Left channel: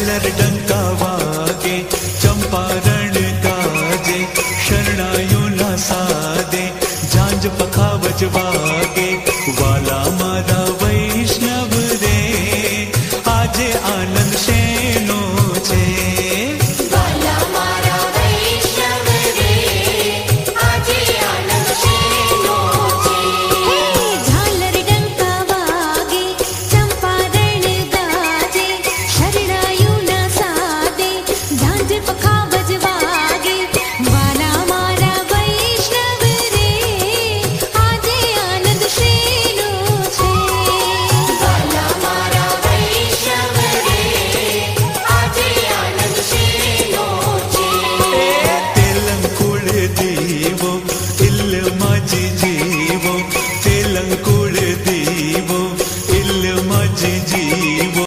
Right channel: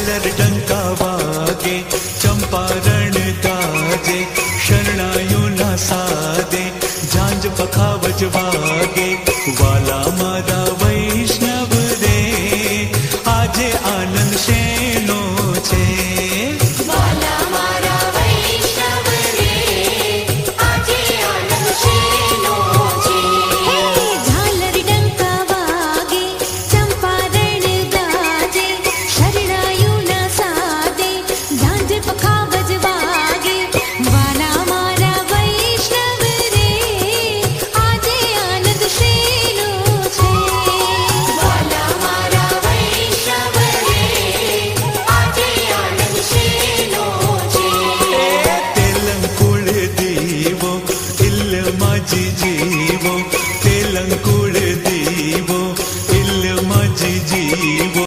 झालर डंका वागे चंपारण गाजे शरणायुना सादे झांझ पखावज वागे वाला मारा वैष्णव रे आजे आनंद शेनो छे जी जी